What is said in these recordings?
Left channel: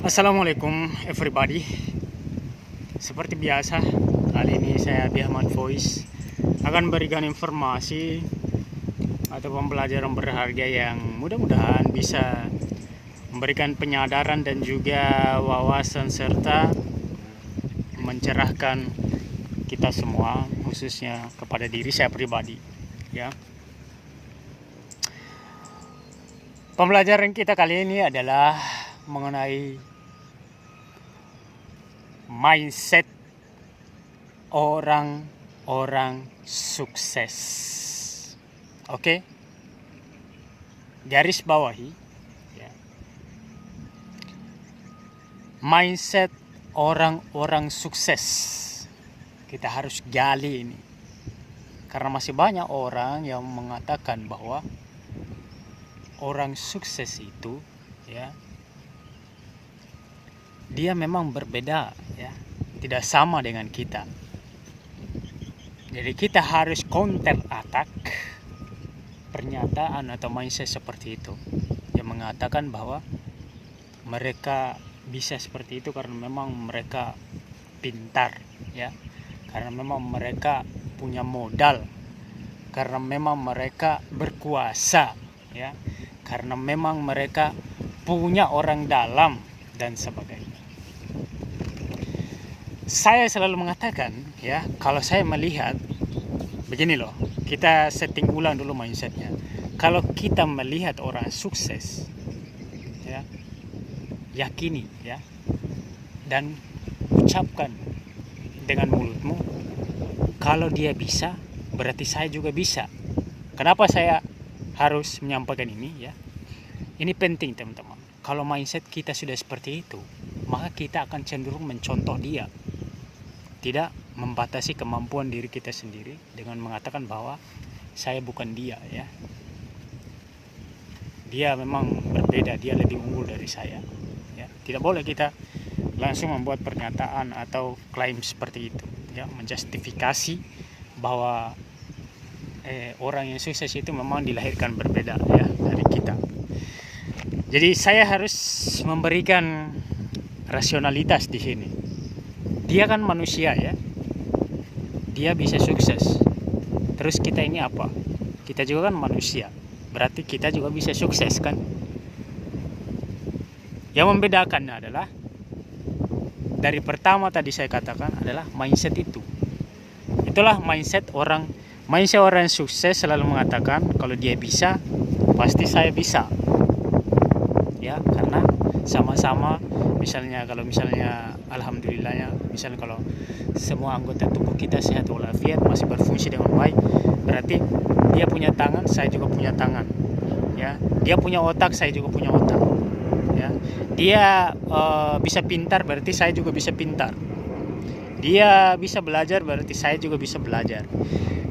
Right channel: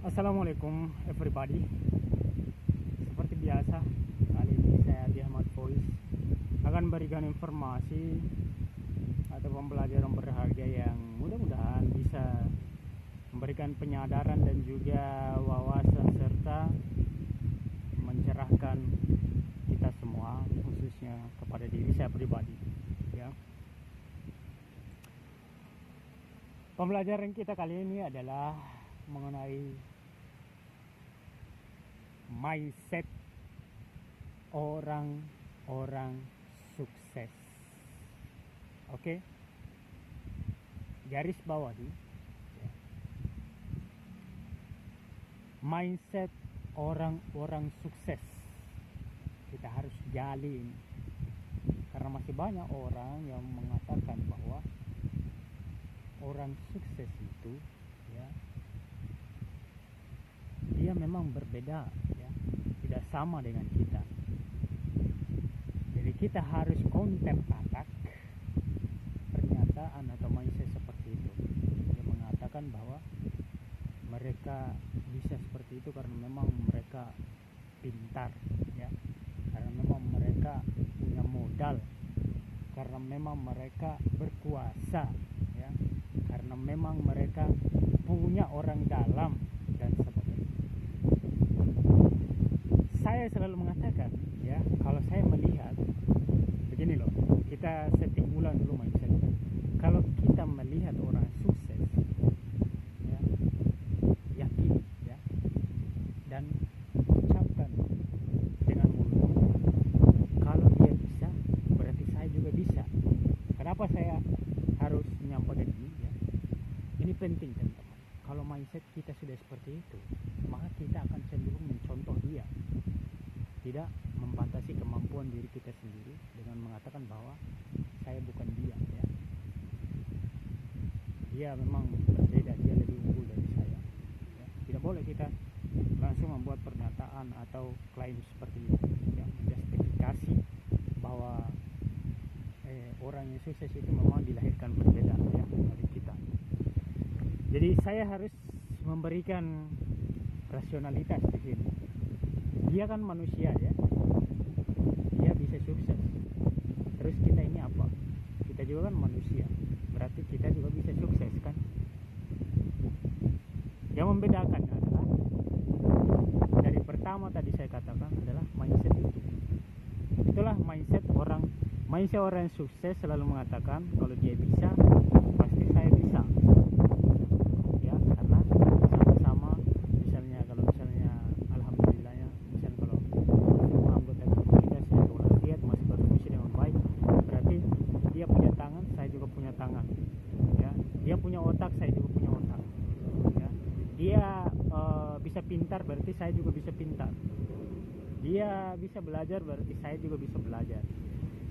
Assalamualaikum everybody. Seperti biasa, kali ini saya Biahman Voice akan berikan informasi atau pembelajaran berharga yang mudah-mudahan bisa memberikan penyadaran dan juga wawasan serta mencerahkan kita semua, khususnya kepada diri saya pribadi, ya. Pembelajaran kita kali ini adalah mengenai mindset orang-orang sukses. Oke, garis bawahi ya. Mindset orang-orang sukses kita harus gali ini, karena masih banyak orang yang mengatakan bahwa orang sukses itu ya, dia memang berbeda ya, tidak sama dengan kita. Jadi kita harus counter attack pernyataan atau mindset seperti itu yang mengatakan bahwa mereka bisa seperti itu karena memang mereka pintar ya, karena memang mereka punya modal, karena memang mereka berkuasa ya, karena memang mereka punya orang dalam dan sebagainya. Saya selalu mengatakan ya, kalau saya melihat begini loh, kita setting ulang dulu mindsetnya. Kalau kita melihat orang sukses ya, yakini ya, dan ucapkan dengan mulutmu, kalau dia bisa berarti saya juga bisa. Kenapa saya harus menyampaikan ini ya? Ini penting teman-teman. Kalau mindset kita sudah seperti itu, maka kita akan cenderung mencontoh dia, tidak membatasi kemampuan diri kita sendiri dengan mengatakan bahwa saya bukan dia ya. Dia memang berbeda, dia lebih unggul dari saya ya. Tidak boleh kita langsung membuat pernyataan atau klaim seperti itu ya, menjustifikasi bahwa orang yang sukses itu memang dilahirkan berbeda ya dari kita. Jadi saya harus memberikan rasionalitas di sini. Dia kan manusia ya, dia bisa sukses. Terus kita ini apa? Kita juga kan manusia, berarti kita juga bisa sukses kan? Yang membedakan adalah dari pertama tadi saya katakan adalah mindset itu. Itulah mindset orang sukses selalu mengatakan kalau dia bisa, pasti saya bisa. Ya, karena sama-sama misalnya alhamdulillahnya, misalnya kalau semua anggota tubuh kita sehat walafiat, masih berfungsi dengan baik, berarti dia punya tangan, saya juga punya tangan ya. Dia punya otak, saya juga punya otak ya. Dia bisa pintar, berarti saya juga bisa pintar. Dia bisa belajar, berarti saya juga bisa belajar.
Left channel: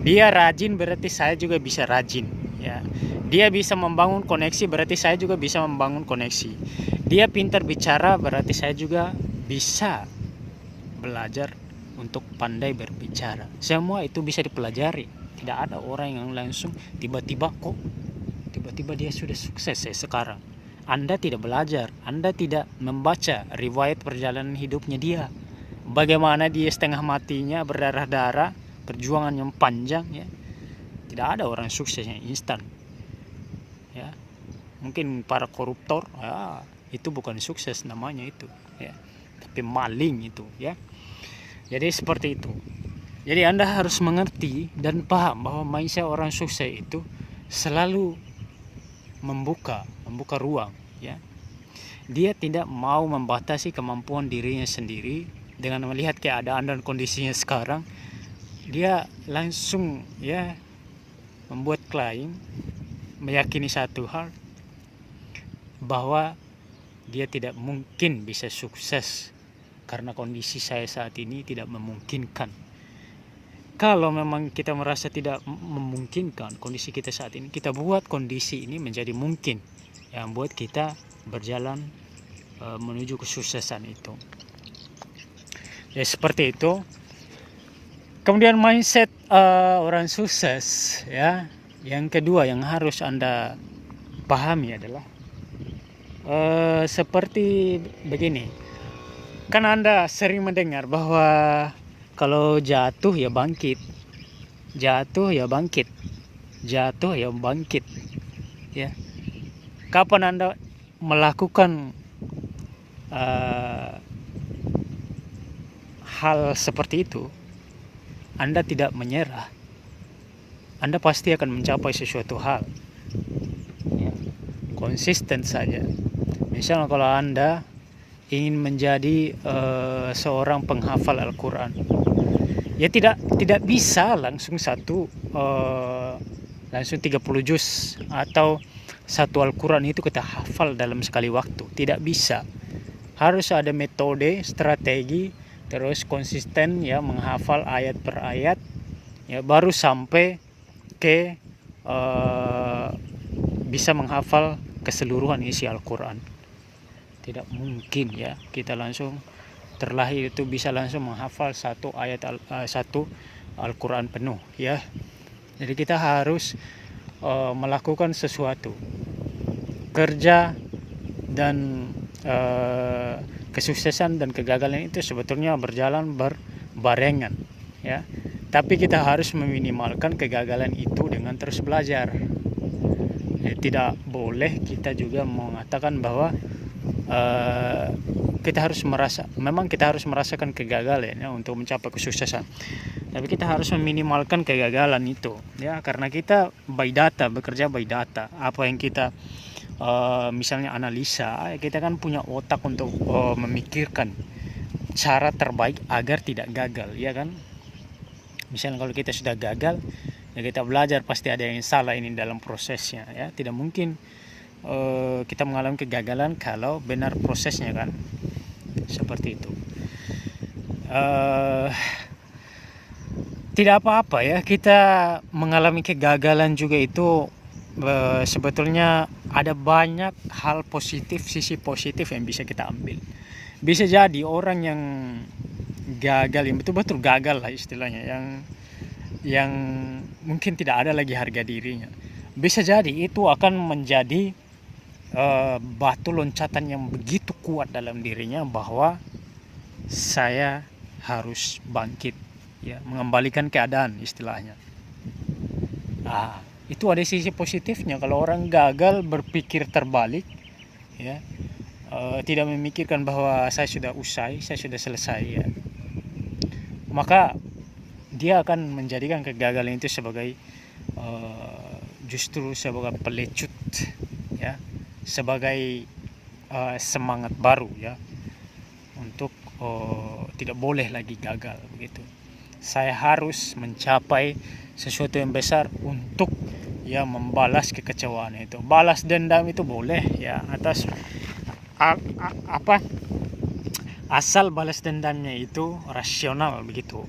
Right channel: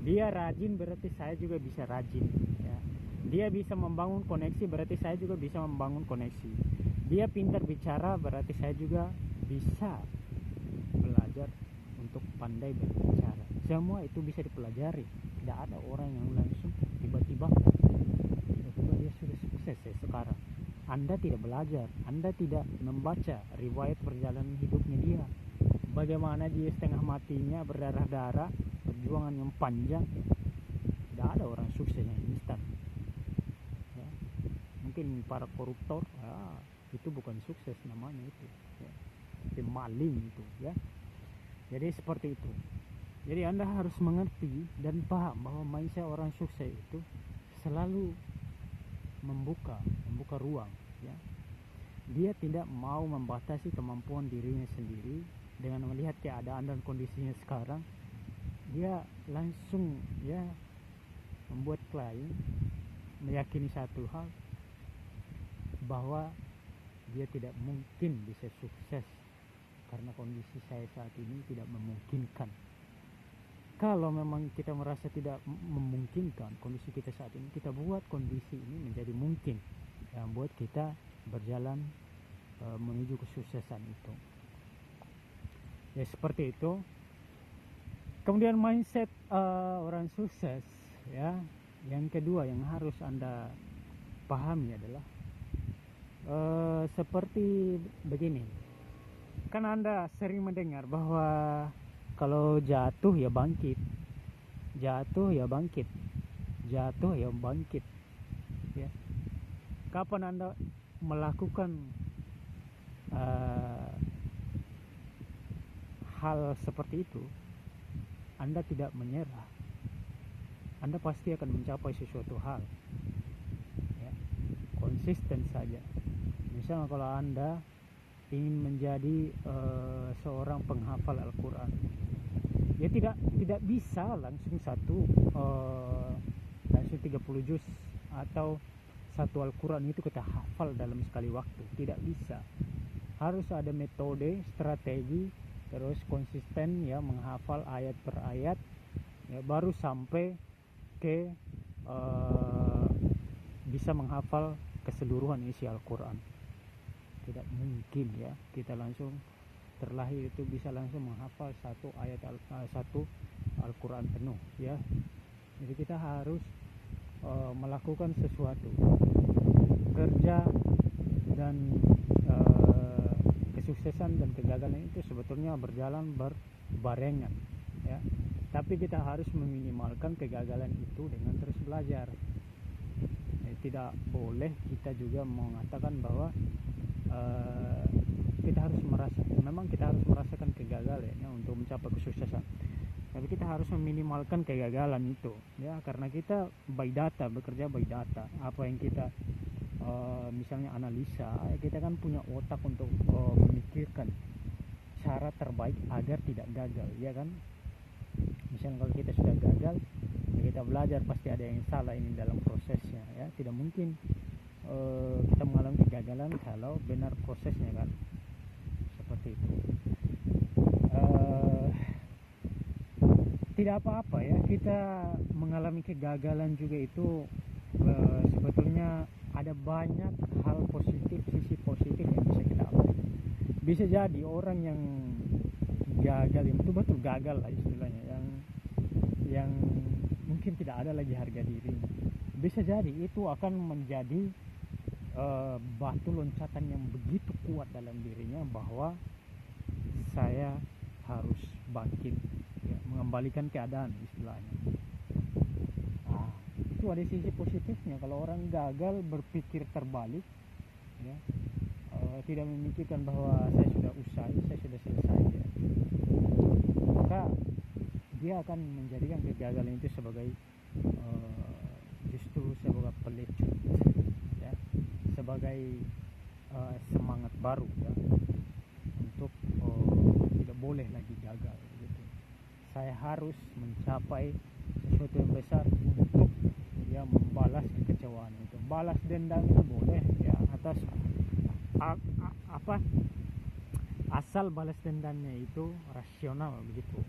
Dia rajin, berarti saya juga bisa rajin ya. Dia bisa membangun koneksi, berarti saya juga bisa membangun koneksi. Dia pintar bicara, berarti saya juga bisa belajar untuk pandai berbicara. Semua itu bisa dipelajari. Tidak ada orang yang langsung tiba-tiba dia sudah sukses sekarang. Anda tidak belajar, Anda tidak membaca riwayat perjalanan hidupnya dia. Bagaimana dia setengah matinya, berdarah-darah, perjuangan yang panjang ya. Tidak ada orang sukses yang instan. Ya. Mungkin para koruptor, ya, itu bukan sukses namanya itu ya. Tapi maling itu ya. Jadi seperti itu. Jadi Anda harus mengerti dan paham bahwa mindset orang sukses itu selalu membuka ruang ya. Dia tidak mau membatasi kemampuan dirinya sendiri dengan melihat keadaan dan kondisinya sekarang. Dia langsung ya membuat klaim, meyakini satu hal, bahwa dia tidak mungkin bisa sukses karena kondisi saya saat ini tidak memungkinkan. Kalau memang kita merasa tidak memungkinkan kondisi kita saat ini, kita buat kondisi ini menjadi mungkin, yang buat kita berjalan menuju kesuksesan itu. Ya seperti itu. Kemudian mindset orang sukses ya. Yang kedua yang harus Anda pahami adalah Seperti begini, kan Anda sering mendengar bahwa kalau jatuh ya bangkit, jatuh ya bangkit, jatuh ya bangkit, ya. Kapan Anda melakukan eh, hal seperti itu, Anda tidak menyerah, Anda pasti akan mencapai sesuatu hal, ya. Konsisten saja. Misalnya kalau Anda ingin menjadi seorang penghafal Al-Quran, ya tidak bisa langsung langsung 30 juz atau satu Al-Quran itu kita hafal dalam sekali waktu. Tidak bisa. Harus ada metode, strategi, terus konsisten ya menghafal ayat per ayat, ya baru sampai ke bisa menghafal keseluruhan isi Al-Quran. Tidak mungkin ya kita langsung terlahir itu bisa langsung menghafal satu Al-Quran penuh, ya. Jadi kita harus melakukan sesuatu, kerja, dan kesuksesan dan kegagalan itu sebetulnya berjalan berbarengan, ya. Tapi kita harus meminimalkan kegagalan itu dengan terus belajar. Tidak boleh kita juga mengatakan bahwa kita harus merasakan kegagalan ya untuk mencapai kesuksesan. Tapi kita harus meminimalkan kegagalan itu, ya, karena kita bekerja by data. Apa yang kita misalnya analisa, kita kan punya otak untuk memikirkan cara terbaik agar tidak gagal, ya kan? Misalnya kalau kita sudah gagal, ya kita belajar pasti ada yang salah ini dalam prosesnya, ya. Tidak mungkin kita mengalami kegagalan kalau benar prosesnya, kan? Seperti itu. Tidak apa-apa ya kita mengalami kegagalan juga itu. Sebetulnya ada banyak hal positif, sisi positif yang bisa kita ambil. Bisa jadi orang yang gagal, yang betul-betul gagal lah istilahnya, yang mungkin tidak ada lagi harga dirinya, bisa jadi itu akan menjadi batu loncatan yang begitu kuat dalam dirinya bahwa saya harus bangkit, ya, mengembalikan keadaan istilahnya. Itu ada sisi positifnya. Kalau orang gagal berpikir terbalik, ya, tidak memikirkan bahwa saya sudah usai, saya sudah selesai, ya, maka dia akan menjadikan kegagalan itu sebagai justru sebagai pelecut, ya, sebagai semangat baru, ya, untuk tidak boleh lagi gagal begitu. Saya harus mencapai sesuatu yang besar untuk ya membalas kekecewaan itu. Balas dendam itu boleh, ya, atas asal balas dendamnya itu rasional begitu.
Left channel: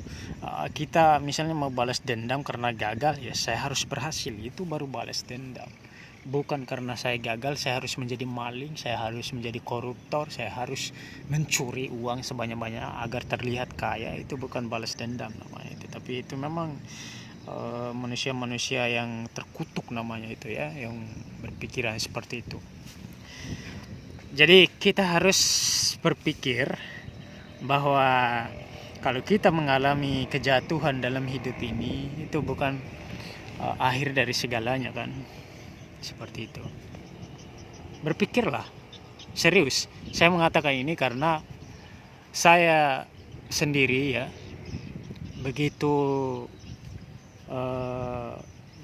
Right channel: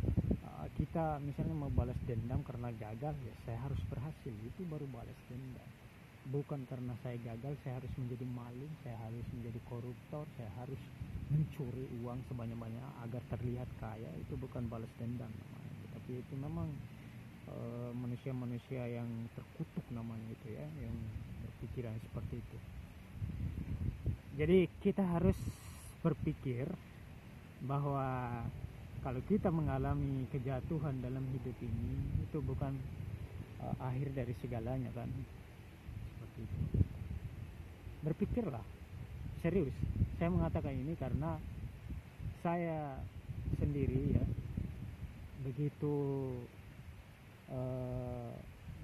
Kita misalnya mau balas dendam karena gagal, ya saya harus berhasil, itu baru balas dendam. Bukan karena saya gagal saya harus menjadi maling, saya harus menjadi koruptor, saya harus mencuri uang sebanyak-banyak agar terlihat kaya. Itu bukan balas dendam namanya itu. Tapi itu memang manusia-manusia yang terkutuk namanya itu, ya, yang berpikiran seperti itu. Jadi kita harus berpikir bahwa kalau kita mengalami kejatuhan dalam hidup ini, itu bukan akhir dari segalanya, kan? Seperti itu. Berpikirlah serius. Saya mengatakan ini karena saya sendiri, ya, begitu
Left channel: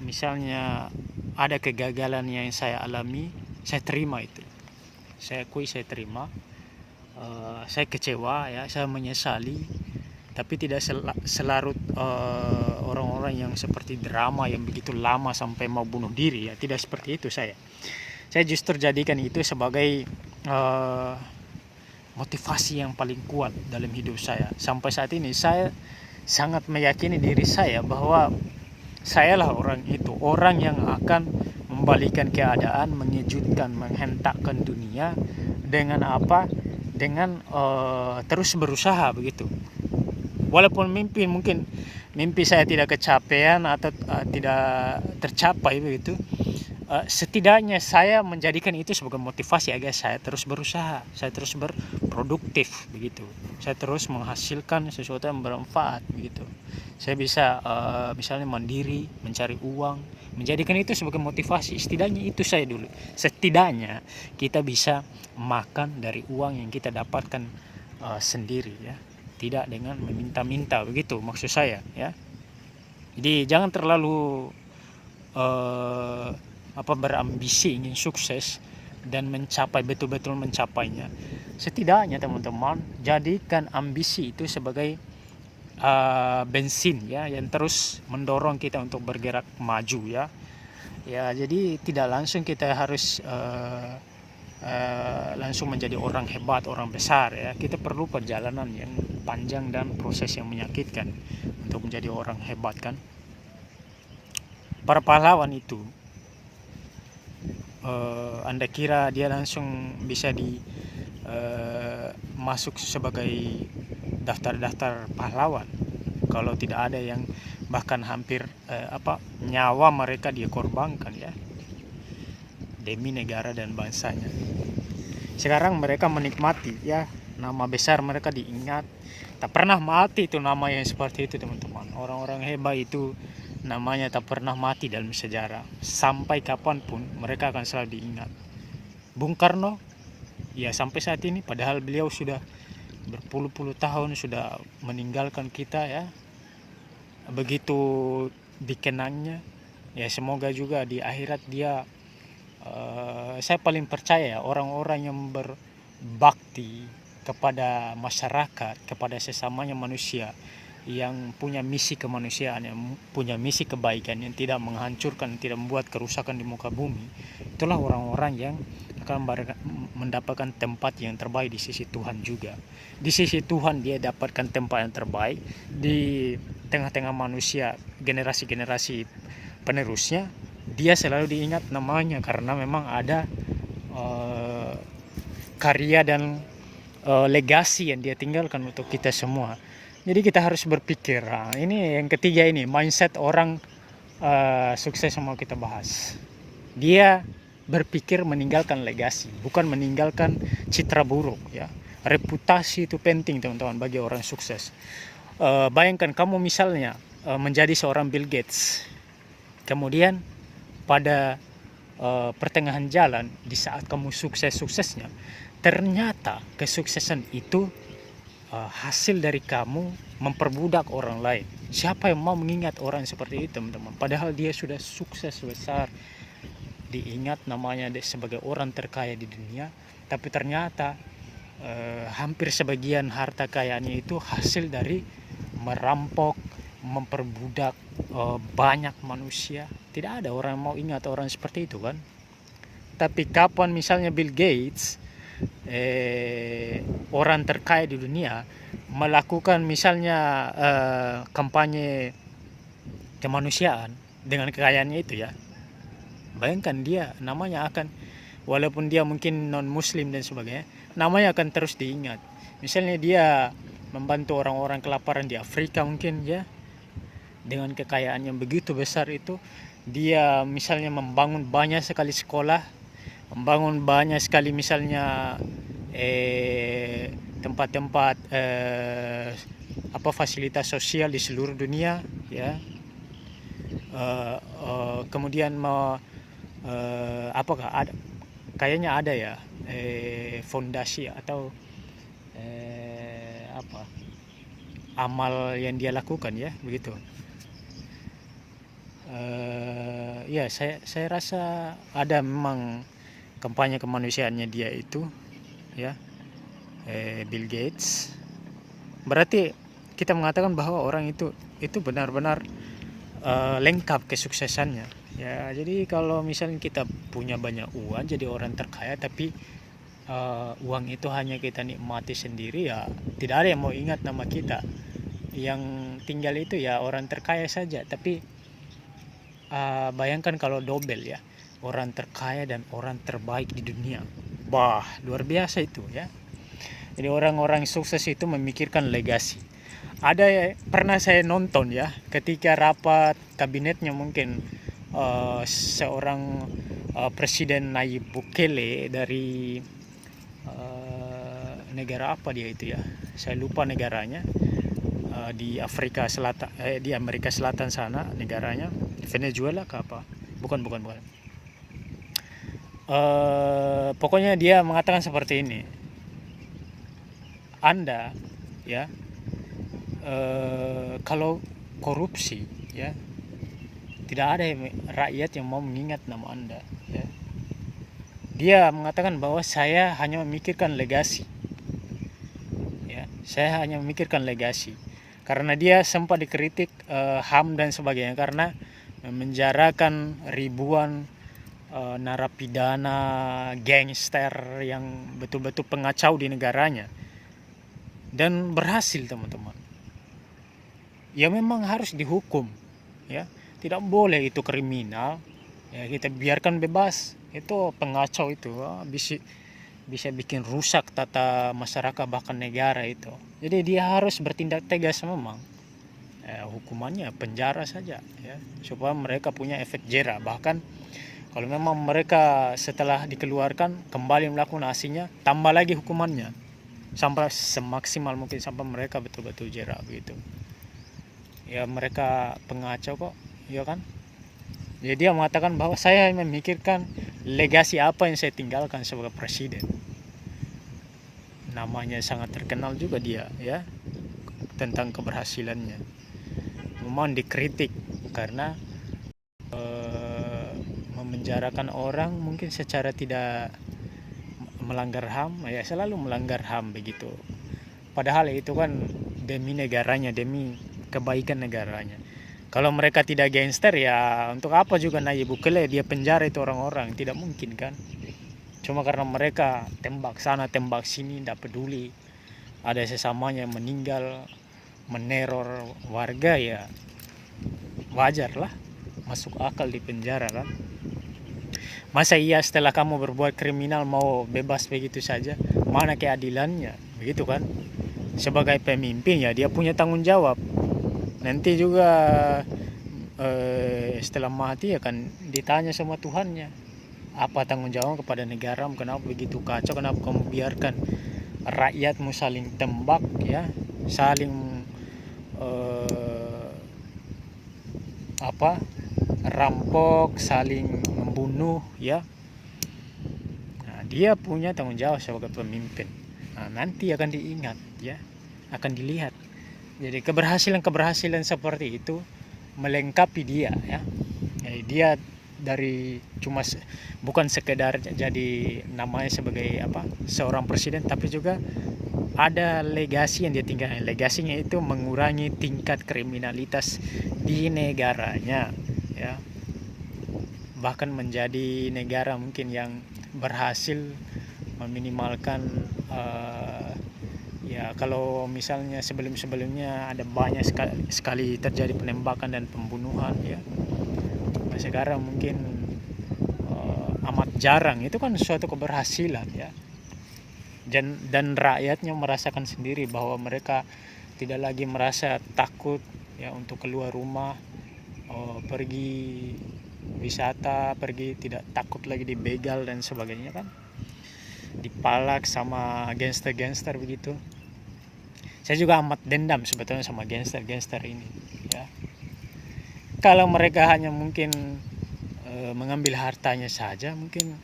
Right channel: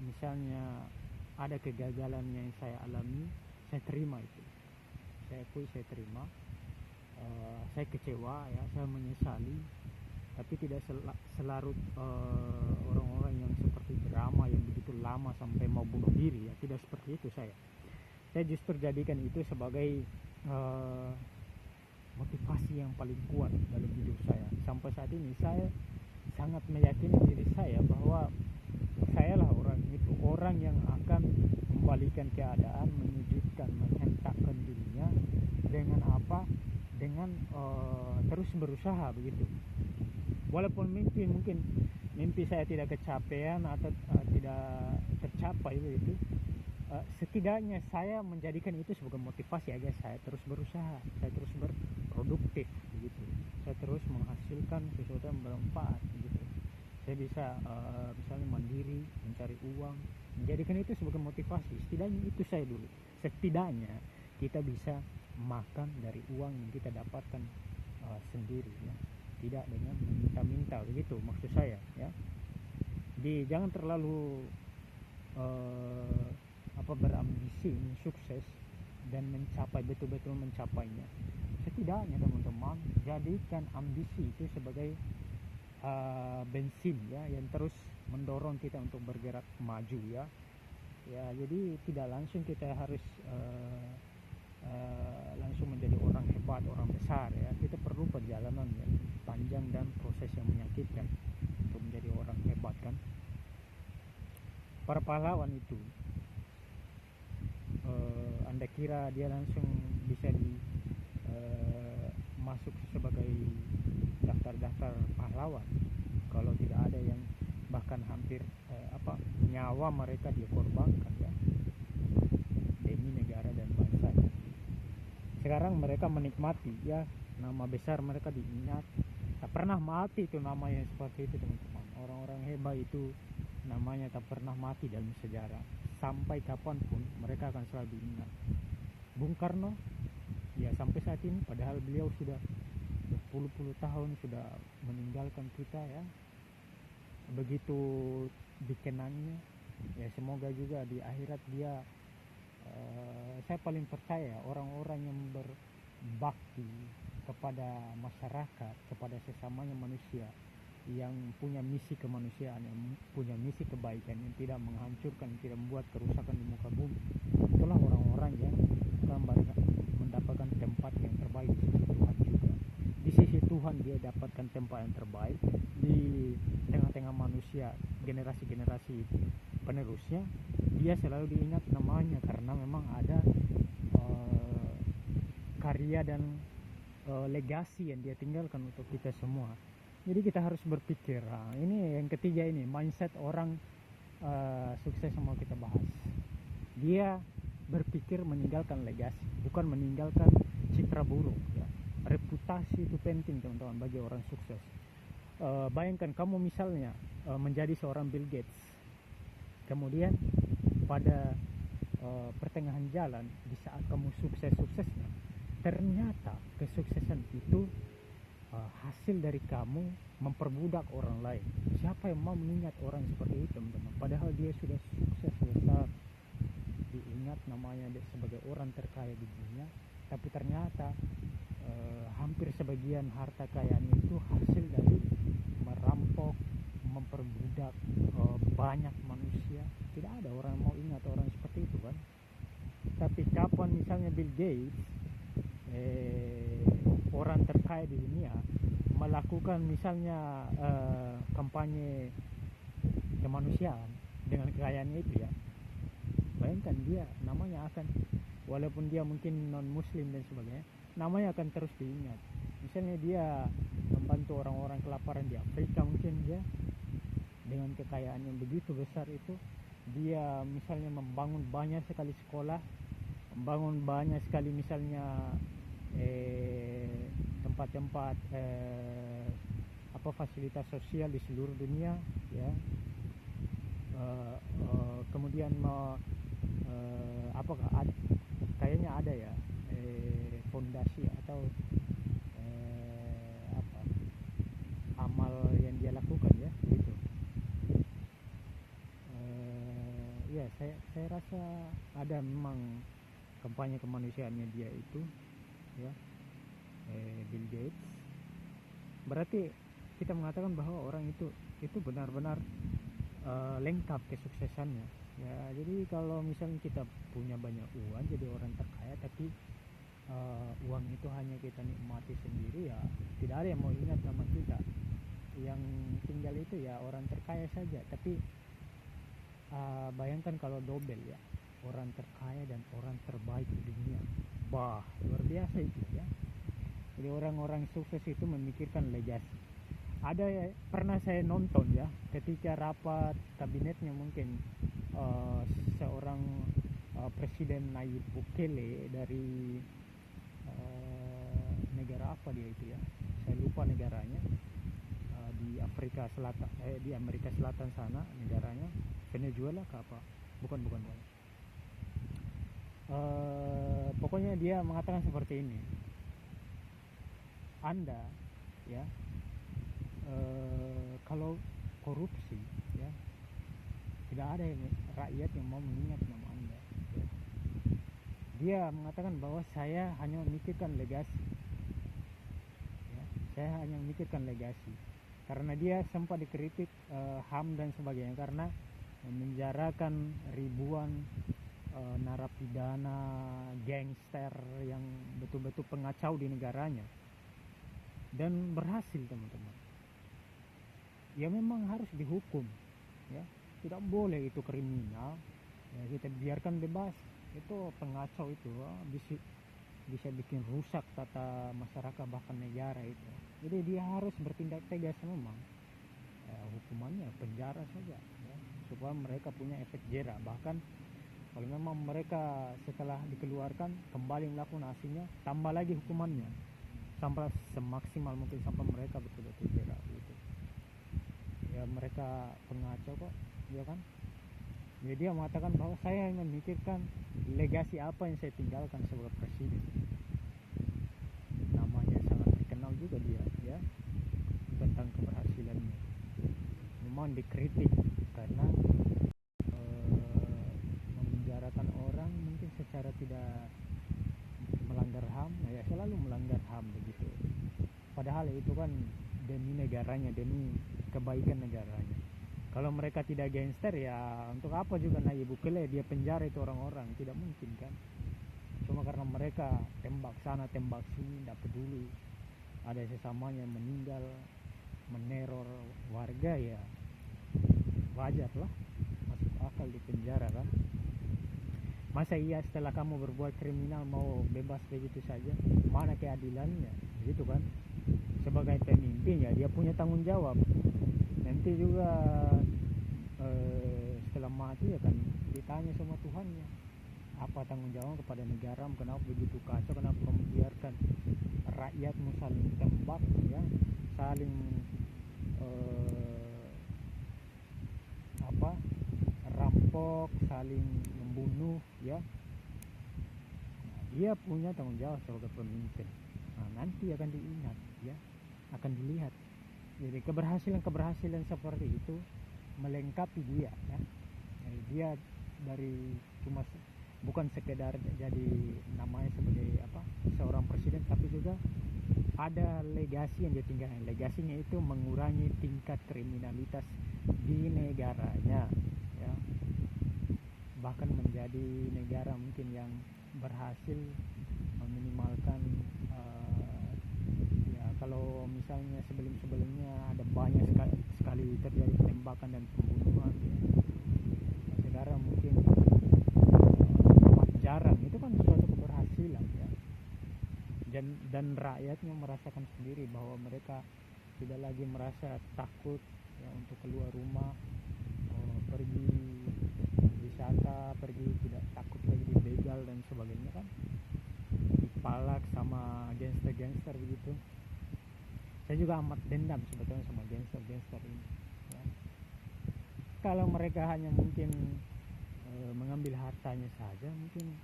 misalnya ada kegagalan yang saya alami, saya terima itu. Saya akui, saya terima. Saya kecewa, ya, saya menyesali, tapi tidak selarut orang-orang yang seperti drama yang begitu lama sampai mau bunuh diri, ya. Tidak seperti itu saya justru jadikan itu sebagai motivasi yang paling kuat dalam hidup saya. Sampai saat ini saya sangat meyakini diri saya bahwa sayalah orang itu, orang yang akan membalikan keadaan, mengejutkan, menghentakkan dunia dengan apa? Dengan terus berusaha begitu. Walaupun mungkin mimpi saya tidak kecapean atau tidak tercapai begitu, setidaknya saya menjadikan itu sebagai motivasi agar saya terus berusaha, saya terus berproduktif begitu, saya terus menghasilkan sesuatu yang bermanfaat begitu. Saya bisa misalnya mandiri, mencari uang, menjadikan itu sebagai motivasi. Setidaknya itu saya dulu, setidaknya kita bisa makan dari uang yang kita dapatkan sendiri ya, tidak dengan meminta-minta begitu maksud saya ya. Jadi jangan terlalu berambisi ingin sukses dan mencapai, betul-betul mencapainya. Setidaknya teman-teman, jadikan ambisi itu sebagai bensin ya, yang terus mendorong kita untuk bergerak maju ya. Ya, jadi tidak langsung kita harus langsung menjadi orang hebat, orang besar ya. Kita perlu perjalanan yang panjang dan proses yang menyakitkan untuk menjadi orang hebat kan. Para pahlawan itu Anda kira dia langsung bisa masuk sebagai daftar-daftar pahlawan kalau tidak ada yang bahkan hampir nyawa mereka dia korbankan ya demi negara dan bangsanya. Sekarang mereka menikmati ya, nama besar mereka diingat, tak pernah mati itu nama yang seperti itu teman-teman. Orang-orang hebat itu namanya tak pernah mati dalam sejarah, sampai kapanpun mereka akan selalu diingat. Bung Karno ya sampai saat ini, padahal beliau sudah berpuluh-puluh tahun sudah meninggalkan kita ya, begitu dikenangnya ya. Semoga juga di akhirat dia saya paling percaya orang-orang yang berbakti kepada masyarakat, kepada sesamanya manusia, yang punya misi kemanusiaan, yang punya misi kebaikan, yang tidak menghancurkan, tidak membuat kerusakan di muka bumi, itulah orang-orang yang akan mendapatkan tempat yang terbaik di sisi Tuhan juga. Di sisi Tuhan dia dapatkan tempat yang terbaik di tengah-tengah manusia, generasi-generasi penerusnya, dia selalu diingat namanya karena memang ada karya dan legasi yang dia tinggalkan untuk kita semua. Jadi kita harus berpikir, ini yang ketiga ini, mindset orang sukses yang mau kita bahas. Dia berpikir meninggalkan legasi, bukan meninggalkan citra buruk ya. Reputasi itu penting teman-teman bagi orang sukses. Bayangkan kamu misalnya menjadi seorang Bill Gates, kemudian pada pertengahan jalan di saat kamu sukses-suksesnya, ternyata kesuksesan itu hasil dari kamu memperbudak orang lain. Siapa yang mau mengingat orang seperti itu teman-teman? Padahal dia sudah sukses besar, diingat namanya sebagai orang terkaya di dunia, tapi ternyata hampir sebagian harta kekayaannya itu hasil dari merampok, memperbudak banyak manusia. Tidak ada orang yang mau ingat orang seperti itu kan. Tapi kapan misalnya Bill Gates, orang terkaya di dunia, melakukan misalnya kampanye kemanusiaan dengan kekayaannya itu ya, bayangkan dia namanya akan, walaupun dia mungkin non muslim dan sebagainya, namanya akan terus diingat. Misalnya dia membantu orang-orang kelaparan di Afrika mungkin ya, dengan kekayaan yang begitu besar itu, dia misalnya membangun banyak sekali sekolah, membangun banyak sekali misalnya tempat-tempat fasilitas sosial di seluruh dunia ya. Kemudian apakah ada, kayaknya ada ya fondasi atau amal yang dia lakukan ya begitu. Ya saya rasa ada memang kampanye kemanusiaannya dia itu ya, Bill Gates. Berarti kita mengatakan bahwa orang itu benar-benar lengkap kesuksesannya ya. Jadi kalau misalnya kita punya banyak uang, jadi orang terkaya, tapi uang itu hanya kita nikmati sendiri ya, tidak ada yang mau ingat nama kita. Yang tinggal itu ya orang terkaya saja. Tapi bayangkan kalau dobel ya, orang terkaya dan orang terbaik di dunia, luar biasa itu ya. Jadi orang-orang sukses itu memikirkan legasi. Ada pernah saya nonton ya, ketika rapat kabinetnya mungkin seorang Presiden Nayib Bukele dari negara apa dia itu ya, saya lupa negaranya, di Afrika Selatan, di Amerika Selatan sana negaranya, Venezuela ke apa, bukan. Pokoknya dia mengatakan seperti ini, Anda ya, kalau korupsi ya, tidak ada rakyat yang mau mengingat nama Anda ya. Dia mengatakan bahwa saya hanya memikirkan legasi ya, saya hanya memikirkan legasi, karena dia sempat dikritik HAM dan sebagainya karena memenjarakan ribuan narapidana gangster yang betul-betul pengacau di negaranya, dan berhasil teman-teman. Ya memang harus dihukum ya, tidak boleh itu kriminal ya, kita biarkan bebas. Itu pengacau itu bisa bikin rusak tata masyarakat bahkan negara itu. Jadi dia harus bertindak tegas memang. Hukumannya penjara saja ya, supaya mereka punya efek jera. Bahkan kalau memang mereka setelah dikeluarkan kembali melakukan aksinya, tambah lagi hukumannya sampai semaksimal mungkin, sampai mereka betul-betul jera begitu. Ya mereka pengacau kok, ya kan? Jadi dia mengatakan bahwa saya memikirkan legasi apa yang saya tinggalkan sebagai presiden. Namanya sangat terkenal juga dia ya, tentang keberhasilannya. Memang dikritik karena memenjarakan orang mungkin secara tidak melanggar HAM ya, selalu melanggar HAM begitu. Padahal itu kan demi negaranya, demi kebaikan negaranya. Kalau mereka tidak gangster ya untuk apa juga Nayib Bukele dia penjara itu orang-orang, tidak mungkin kan. Cuma karena mereka tembak sana tembak sini, tidak peduli ada sesamanya yang meninggal, meneror warga, ya wajar lah, masuk akal di penjara kan. Masa iya setelah kamu berbuat kriminal mau bebas begitu saja? Mana keadilannya? Begitu kan? Sebagai pemimpin ya dia punya tanggung jawab. Nanti juga setelah mati akan ditanya sama Tuhannya. Apa tanggung jawab kepada negara? Kenapa begitu kacau? Kenapa kamu biarkan rakyatmu saling tembak ya? Saling rampok, saling membunuh ya. Nah, dia punya tanggung jawab sebagai pemimpin. Nah, nanti akan diingat ya, akan dilihat. Jadi keberhasilan seperti itu melengkapi dia ya. Jadi dia dari cuma bukan sekedar jadi namanya sebagai seorang presiden, tapi juga ada legasi yang dia tinggalkan. Legasinya itu mengurangi tingkat kriminalitas di negaranya ya, bahkan menjadi negara mungkin yang berhasil meminimalkan ya kalau misalnya sebelumnya ada banyak sekali terjadi penembakan dan pembunuhan ya, sekarang mungkin amat jarang. Itu kan suatu keberhasilan ya, dan rakyatnya merasakan sendiri bahwa mereka tidak lagi merasa takut ya untuk keluar rumah, pergi wisata, tidak takut lagi dibegal dan sebagainya kan, dipalak sama gangster begitu. Saya juga amat dendam sebetulnya sama gangster ini ya. Kalau mereka hanya mungkin mengambil hartanya saja mungkin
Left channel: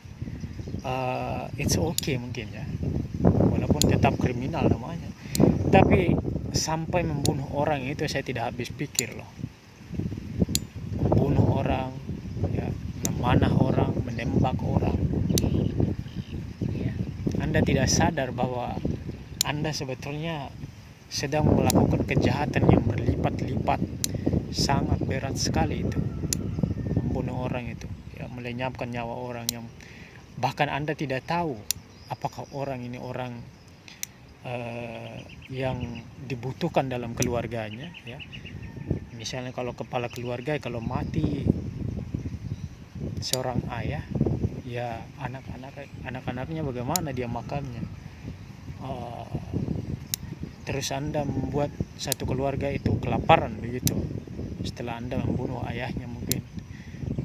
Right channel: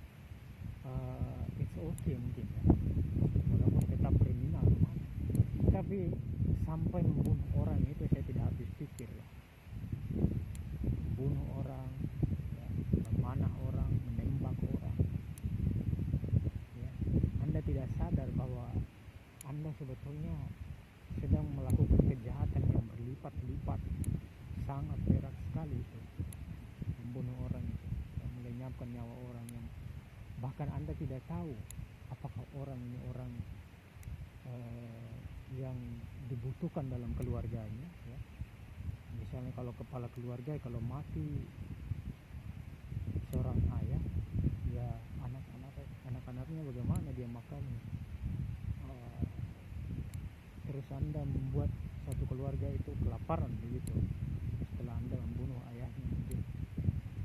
it's okay mungkin ya, walaupun tetap kriminal namanya. Tapi sampai membunuh orang itu saya tidak habis pikir loh. Membunuh orang ya, memanah orang, menembak orang ya. Anda tidak sadar bahwa Anda sebetulnya sedang melakukan kejahatan yang berlipat-lipat, sangat berat sekali itu. Membunuh orang itu ya, melenyapkan nyawa orang yang bahkan Anda tidak tahu apakah orang ini orang yang dibutuhkan dalam keluarganya ya. Misalnya kalau kepala keluarga, kalau mati seorang ayah ya, anak-anaknya bagaimana dia makannya. Terus Anda membuat satu keluarga itu kelaparan begitu setelah Anda membunuh ayahnya mungkin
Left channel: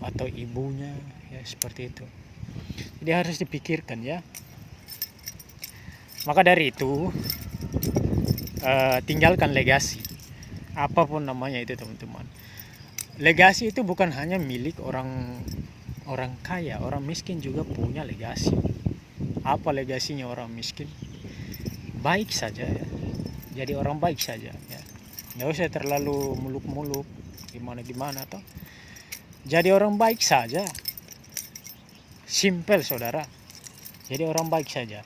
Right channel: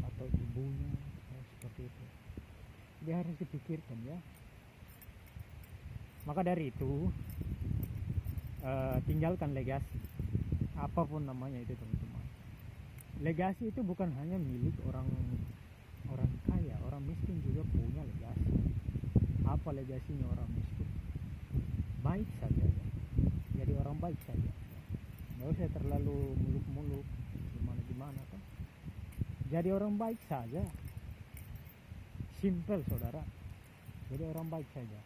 atau ibunya ya, seperti itu. Jadi harus dipikirkan ya. Maka dari itu tinggalkan legasi, apapun namanya itu teman-teman. Legasi itu bukan hanya milik orang kaya, orang miskin juga punya legasi. Apa legasinya orang miskin? Baik saja ya. Jadi orang baik saja ya. Nggak usah terlalu muluk-muluk gimana toh. Jadi orang baik saja. Simple saudara. Jadi orang baik saja.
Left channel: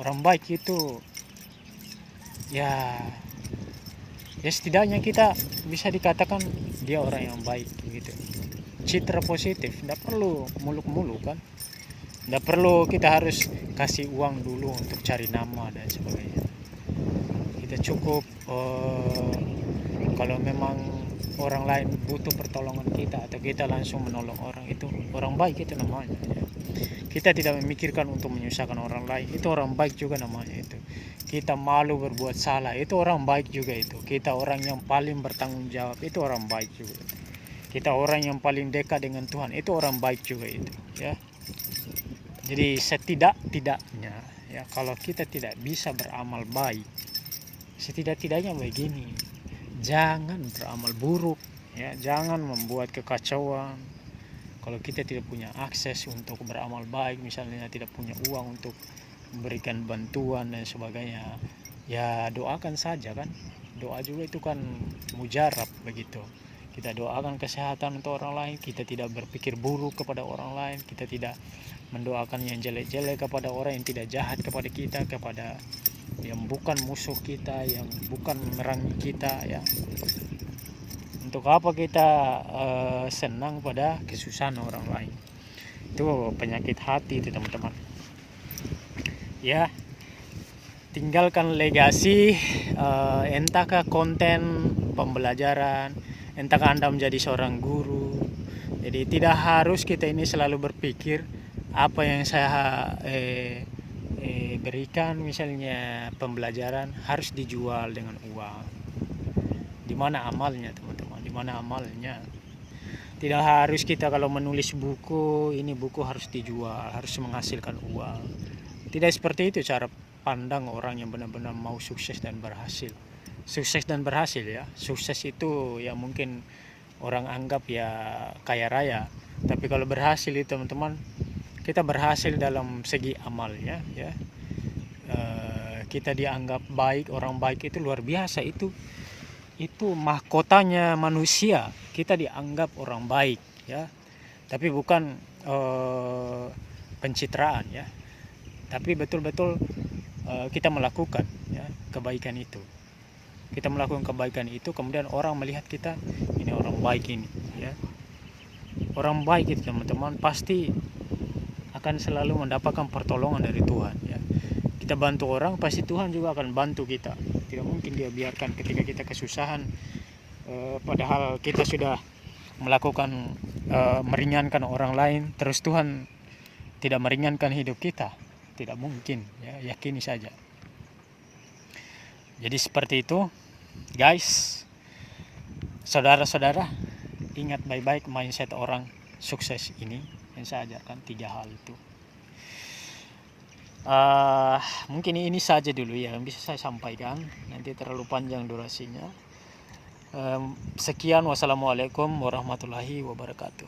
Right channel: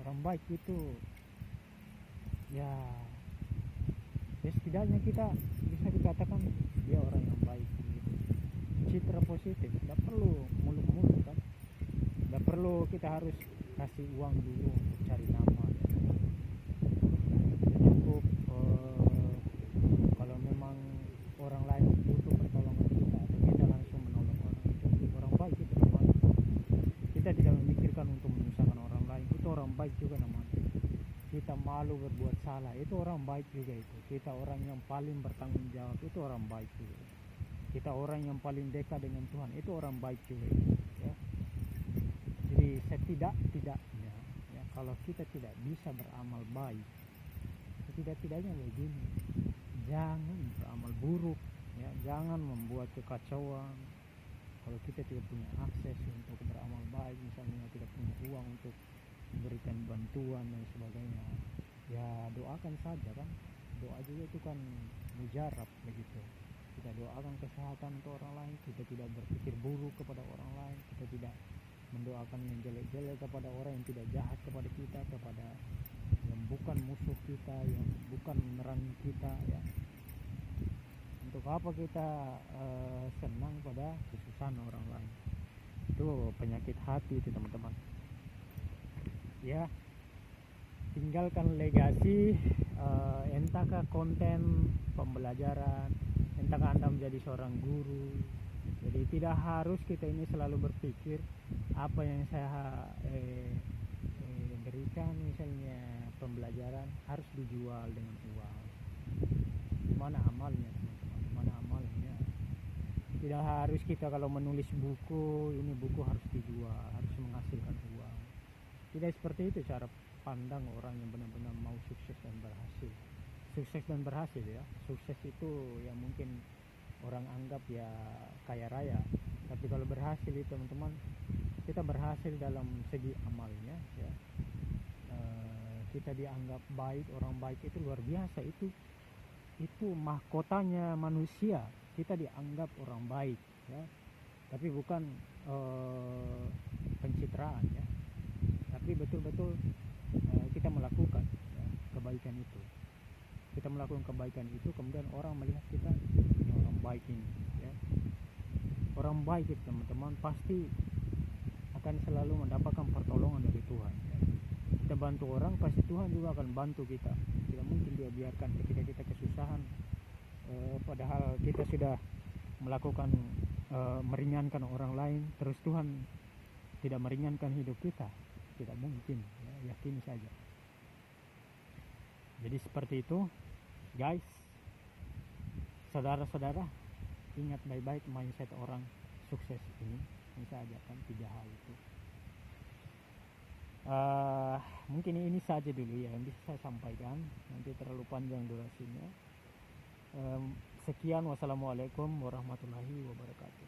Orang baik itu ya setidaknya kita bisa dikatakan dia orang yang baik gitu. Citra positif, tidak perlu muluk-muluk kan. Tidak perlu kita harus kasih uang dulu untuk cari nama dan sebagainya. Kita cukup kalau memang orang lain butuh pertolongan kita atau kita langsung menolong orang, itu orang baik itu namanya ya. Kita tidak memikirkan untuk menyusahkan orang lain, itu orang baik juga namanya itu. Kita malu berbuat salah, itu orang baik juga itu. Kita orang yang paling bertanggung jawab, itu orang baik juga. Kita orang yang paling dekat dengan Tuhan, itu orang baik juga itu ya. Jadi setidak-tidaknya ya, kalau kita tidak bisa beramal baik, setidak-tidaknya begini, jangan beramal buruk ya, jangan membuat kekacauan. Kalau kita tidak punya akses untuk beramal baik, misalnya tidak punya uang untuk memberikan bantuan dan sebagainya, ya doakan saja kan. Doa juga itu kan mujarab begitu. Kita doakan kesehatan untuk orang lain, kita tidak berpikir buruk kepada orang lain, kita tidak mendoakan yang jelek-jelek kepada orang yang tidak jahat kepada kita, kepada yang bukan musuh kita, yang bukan memerangi kita ya. Untuk apa kita senang pada kesusahan orang lain? Itu penyakit hati itu teman-teman ya. Tinggalkan legasi, entahkah konten pembelajaran, entahkah Anda menjadi seorang guru. Jadi tidak harus kita ini selalu berpikir apa yang saya berikan, misalnya pembelajaran harus dijual dengan uang. Di mana amalnya teman-teman? Di mana amalnya? Tidak harus kita kalau menulis buku, ini buku harus dijual, harus menghasilkan uang. Tidak seperti itu cara pandang orang yang benar-benar mau sukses dan berhasil. Sukses dan berhasil ya. Sukses itu ya mungkin orang anggap ya kaya raya. Tapi kalau berhasil itu teman-teman, kita berhasil dalam segi amalnya ya. Kita dianggap baik, orang baik itu luar biasa itu mahkotanya manusia. Kita dianggap orang baik ya, tapi bukan pencitraan ya, tapi betul-betul kita melakukan ya kebaikan itu. Kita melakukan kebaikan itu, kemudian orang melihat kita, ini orang baik ini ya. Orang baik itu teman-teman pasti akan selalu mendapatkan pertolongan dari Tuhan ya. Kita bantu orang, pasti Tuhan juga akan bantu kita. Tidak mungkin dia biarkan ketika kita kesusahan, padahal kita sudah melakukan meringankan orang lain, terus Tuhan tidak meringankan hidup kita. Tidak mungkin ya, yakini saja. Jadi seperti itu guys. Saudara-saudara, ingat baik-baik mindset orang sukses ini yang saya ajarkan 3 hal itu. Mungkin ini saja dulu ya yang bisa saya sampaikan, nanti terlalu panjang durasinya. Sekian, wassalamualaikum warahmatullahi wabarakatuh.